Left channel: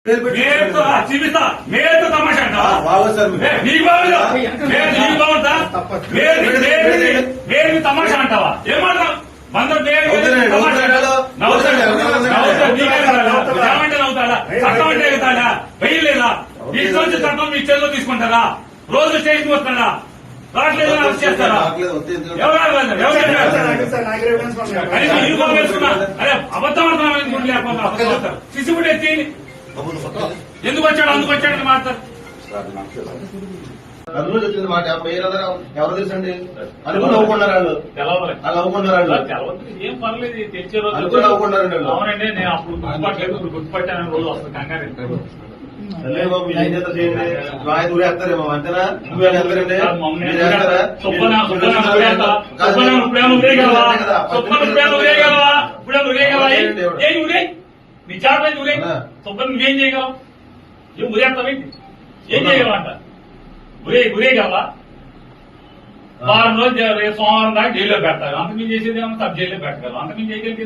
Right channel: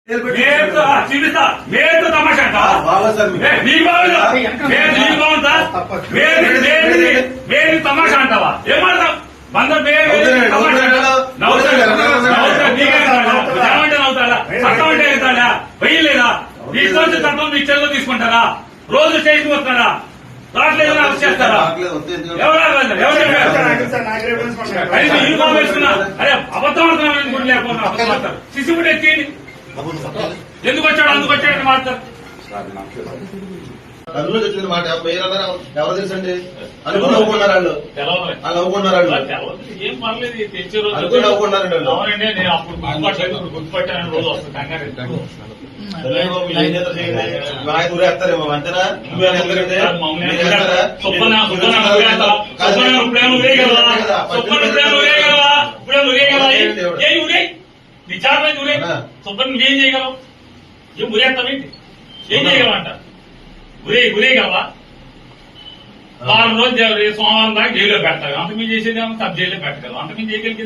చూపిస్తా మేరకు తమాషా మేరు తమాషా అంటావా ఏమంటావు బందర్ ఏమంటే అవుతాడా చట్టం అంటే అవుతాడా వెయ్యలేదా మీ సంవత్సరం చట్టం మీ చెల్లో తీసుకుంటారా రోజు స్టేషన్ వస్తాడా రావట్లేదు అరెస్ట్ చేస్తారా యూనిఫామ్ వేసుకున్నా అదే అబద్ధం ఆడుతున్నా లేకుండా అబద్ధం సిసి కూడా ఎత్తి ఎందుకు వచ్చాడు అందుకు వచ్చాడని మాట్లాడతారు అందులో చెప్పింది మాట ఎవరు తెలుసండి అనుకుని నవ్వుకున్నారు వాళ్ళు వాళ్ళు నవ్వుకున్నారు వాళ్ళు ఏం పర్లేదు తెచ్చే రోజు అనుకుని నవ్వుకున్నారండి వాళ్ళు అవునండి నేను అప్పుడు గుర్తుపట్టలేదు ఇప్పుడు గుర్తుపట్టాను రోజు వస్తుంది కంగారు ఊరేస్తారేమో అంతేనా ఎందుకంటే నీ చాలా ఊరే సుబ్బని నువ్వేం చేయగలవు ఏం ఊరేస్తావేంటి ఏం చేయగలవంట ఊరేయగలవా వారం రోజు సోమవారం దాకా జైల్లో పెడతావు అంత మీరు చేసేది సబ్ జైల్లో పెట్టగలవు అంత మీరు చేయగలిగేది